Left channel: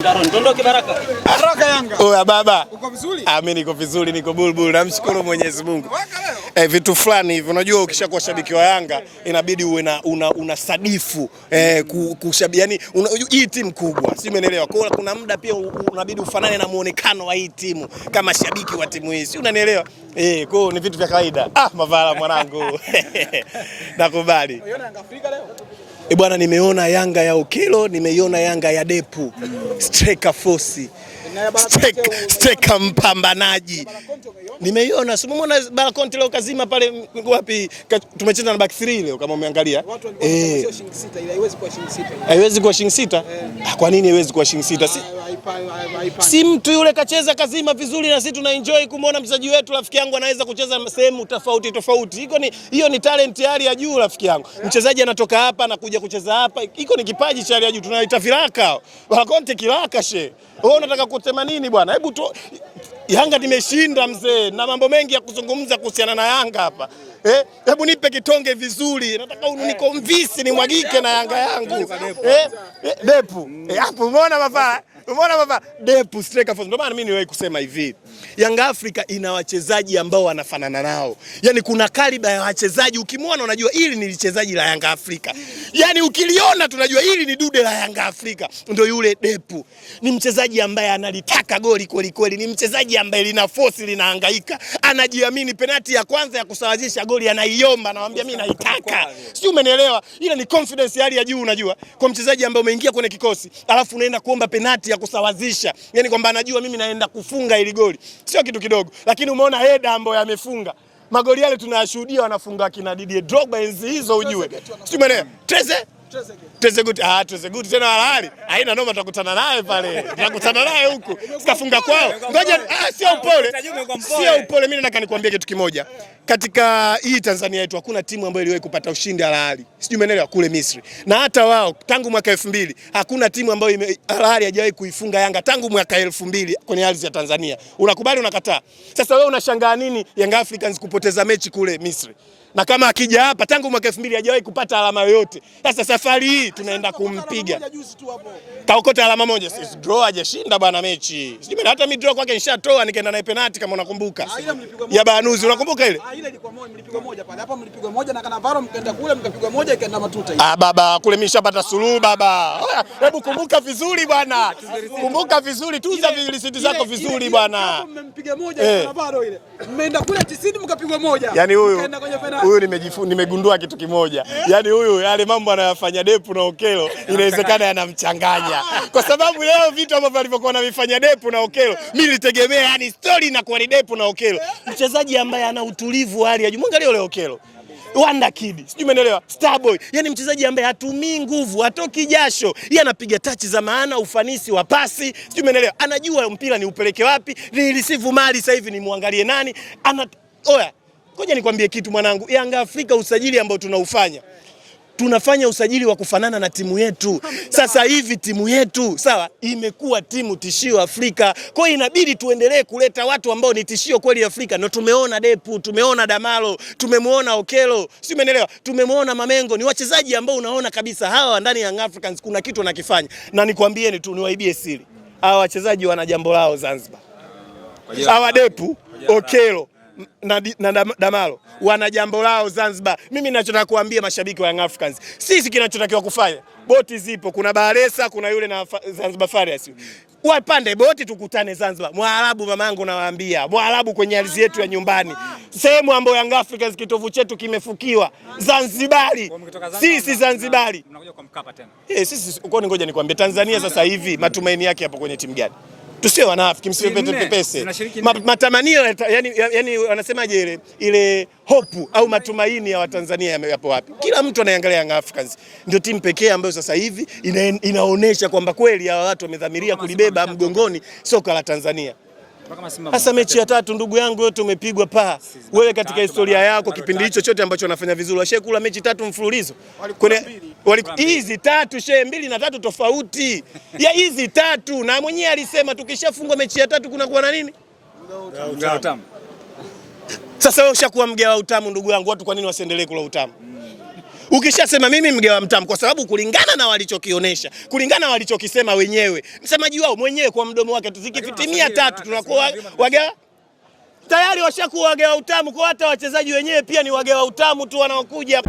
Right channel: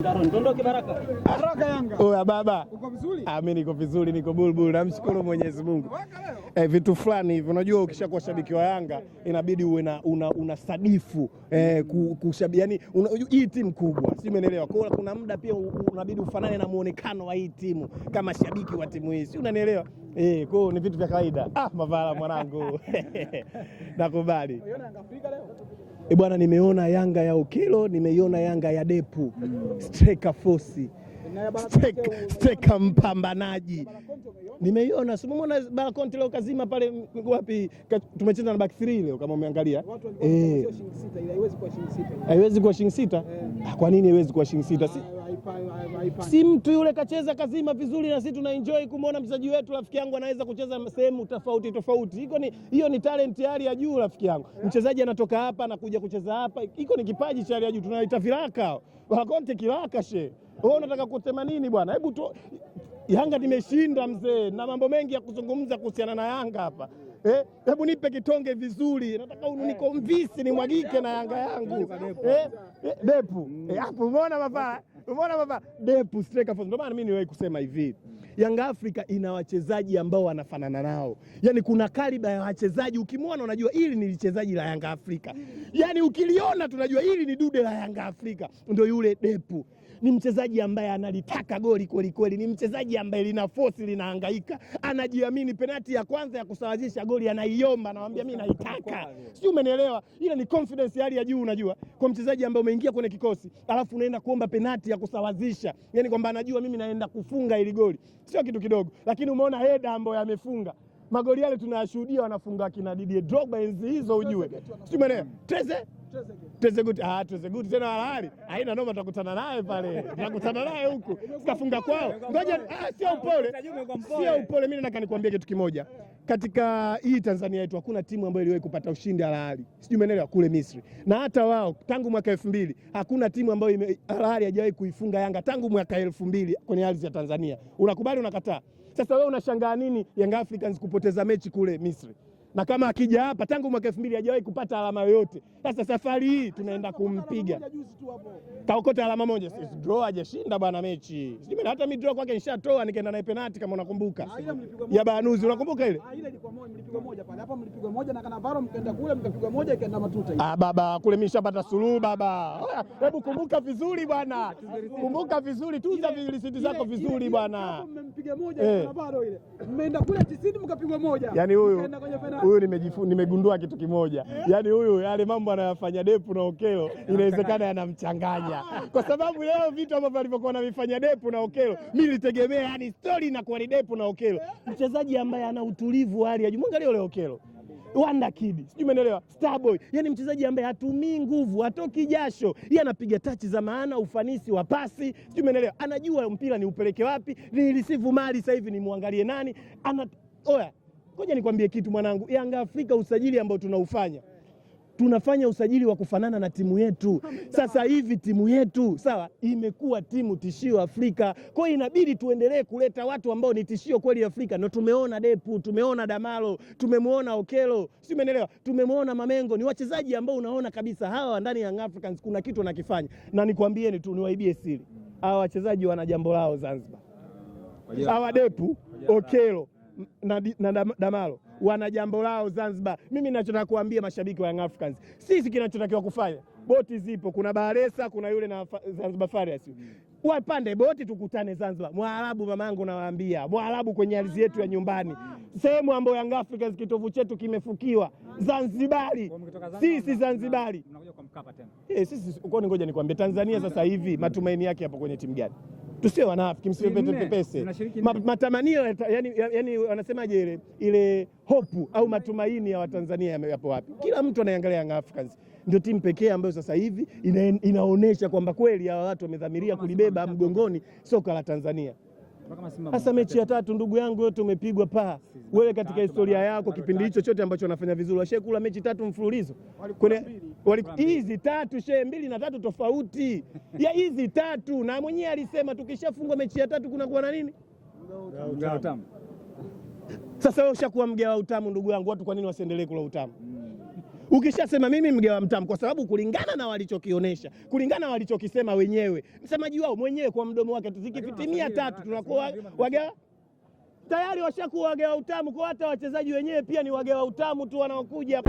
Ndondoke Baraka. Baraka Yanga. Oya baba. Uko vizuri? Mimi niko vizuri, niko bulbul. Namshukuru Mwenyezi Mungu. Vitu fulani hivi unajua ukishakuwa shabiki wa Yanga inabidi uwe na una sadifu kushabiki, yani hii timu kubwa. Si umeelewa? Kwa hiyo kuna muda pia unabidi ufanane na muonekano wa hii timu kama shabiki wa timu hii. Si unanielewa? Kwa hiyo ni vitu vya kawaida. Mavala mwanangu. Nakubali. Unaona Yanga Afrika leo? Bwana, nimeona Yanga ya Okelo, nimeiona Yanga ya Depu. Striker force. Striker mpambanaji. Nimeiona, si umeona Balakonte leo kazima pale wapi? Tumecheza na back 3 leo kama umeangalia. Sio shilingi 6 ile haiwezi kuwa shilingi 6. Haiwezi kuwa shilingi 6? Kwa nini haiwezi kuwa shilingi 6? Si mtu yule kacheza kazima vizuri na sisi tuna enjoy kumwona mchezaji wetu rafiki yangu anaweza kucheza sehemu tofauti tofauti. Hiyo ni talent hali ya juu rafiki yangu. Mchezaji anatoka hapa na kuja kucheza hapa. Iko ni kipaji cha hali ya juu, tunaita viraka. Balakonte kiraka she. Wewe unataka kusema nini bwana? Hebu tu Yanga nimeshinda mzee, na mambo mengi ya kuzungumza kuhusiana na Yanga hapa. Hebu nipe kitonge vizuri. Nataka unikonvince nimwagike na Yanga yangu. Depu. Hapo umeona baba? Umeona baba? Depu striker force. Ndio maana mimi niwahi kusema hivi. Yanga Afrika ina wachezaji ambao wanafanana nao. Yaani kuna kaliba ya wachezaji ukimwona unajua hili ni lichezaji la Yanga Afrika. Yaani ukiliona tunajua hili ni dude la Yanga Afrika. Ndio yule Depu. Ni mchezaji ambaye analitaka goli kweli kweli. Ni mchezaji ambaye lina force, linahangaika. Anajiamini, penalti ya kwanza ya kusawazisha goli anaiomba, anamwambia mimi naitaka. Sio, umenielewa? Ile ni confidence hali ya juu unajua. Kwa mchezaji ambaye umeingia kwenye kikosi, alafu unaenda kuomba penalti ya kusawazisha. Yaani kwamba anajua mimi naenda kufunga ile goli. Sio kitu kidogo, lakini umeona header ambayo yamefunga. Magoli yale tunayashuhudia wanafunga kina Didier Drogba enzi hizo ujue. Sio maana Trezeguet. Trezeguet tena halali. Haina noma, tutakutana naye pale. Tutakutana naye huko. Sikafunga kwao. Ngoja sio upole. Sio upole, mimi nataka nikwambie kitu kimoja. Katika hii Tanzania yetu hakuna timu ambayo iliwahi kupata ushindi halali. Sijui umeelewa, kule Misri. Na hata wao tangu mwaka 2000 hakuna timu ambayo halali hajawahi kuifunga Yanga tangu mwaka 2000 kwenye ardhi ya Tanzania. Unakubali unakataa? Sasa wewe unashangaa nini Young Africans kupoteza mechi kule Misri? Na kama akija hapa tangu mwaka 2000 hajawahi kupata alama yoyote. Sasa safari hii tunaenda kumpiga. Kaokota alama moja. Sisi draw, hajashinda bwana mechi. Sijui hata mimi draw kwake nishatoa nikaenda naye penalti kama unakumbuka. Ya Banuzi unakumbuka ile? Ile ilikuwa moja, mlipigwa moja pale. Hapa mlipigwa moja na Kanavaro mkaenda kule mkapigwa moja ikaenda matuta hiyo. Baba kule mimi nishapata suluhu baba. Hebu kumbuka vizuri bwana. Kumbuka vizuri, tuza vilisiti zako vizuri bwana. Hapo mmempiga moja na Kanavaro ile. Mmeenda kule 90 mkapigwa moja. Yaani huyu nimegundua kitu kimoja. Yaani huyu yale mambo anayofanya Depu na Okelo inawezekana yanamchanganya. Kwa sababu leo vitu ambavyo alivyokuwa anavifanya Depu na Okelo, mimi nilitegemea yani story na kwa Depu na Okelo. Mchezaji ambaye ana utulivu hali ya juu. Mwangalie yule Okelo. Wonder Kid. Sijui umeelewa? Starboy. Yaani mchezaji ambaye hatumii nguvu, hatoki jasho. Yeye anapiga touch za maana, ufanisi wa pasi. Sijui umeelewa? Anajua mpira ni upeleke wapi, ni receive mali sasa hivi ni muangalie nani. Oya. Ngoja nikwambie kitu mwanangu, Yanga Afrika usajili ambao tunaufanya. Tunafanya usajili wa kufanana na timu yetu. Sasa hivi timu yetu, sawa, imekuwa timu tishio Afrika. Kwa hiyo inabidi tuendelee kuleta watu ambao ni tishio kweli Afrika. Na tumeona Depu, tumeona Damalo, tumemuona Okelo, si umeelewa? Tumemuona Mamengo, ni wachezaji ambao unaona kabisa hawa ndani ya Young Africans kuna kitu wanakifanya. Na nikwambieni tu niwaibie siri. Hawa wachezaji wana jambo lao Zanzibar. Hawa Depu, Okelo na Damalo wana jambo lao Zanzibar. Mimi ninachotaka kuambia mashabiki wa Young Africans, sisi kinachotakiwa kufanya, boti zipo, kuna Baresa, kuna yule na Zanzibar Farias. Wapande boti tukutane Zanzibar. Mwarabu mamangu nawaambia, Mwarabu kwenye ardhi yetu ya nyumbani. Sehemu ambayo Young Africans kitovu chetu kimefukiwa, Zanzibari. Sisi Zanzibari. Mnakuja kwa Mkapa tena. Sisi uko, ngoja nikwambie, Tanzania sasa hivi matumaini yake hapo kwenye timu gani? Tusio wanafiki, msipepese. Matamanio yani wanasemaje ile hope au matumaini ya Watanzania yapo wapi? Kila mtu anaangalia Young Africans. Ndio timu pekee ambayo sasa hivi inaonesha kwamba kweli hawa watu wamedhamiria kulibeba mgongoni soka la Tanzania. Hasa mechi ya 3 ndugu yangu yote umepigwa paa. Wewe katika historia yako kipindi hicho chote ambacho unafanya vizuri, washekula mechi 3 mfululizo. Hizi 3 shehe 2 na 3 tofauti. Ya hizi 3 na mwenyewe alisema tukishafungwa mechi ya 3 kuna kuwa na nini? Mgao utamu. Sasa wewe ushakuwa mgao utamu ndugu yangu, watu kwa nini wasiendelee kula utamu? Ukishasema mimi mgawa mtamu, kwa sababu kulingana na walichokionyesha, kulingana na walichokisema wenyewe, msemaji wao mwenyewe kwa mdomo wake, tuzikifitimia 3 tunakuwa wagawa tayari, washakuwa wagawa utamu. Kwa hata wachezaji wenyewe pia ni wagawa utamu tu wanaokuja.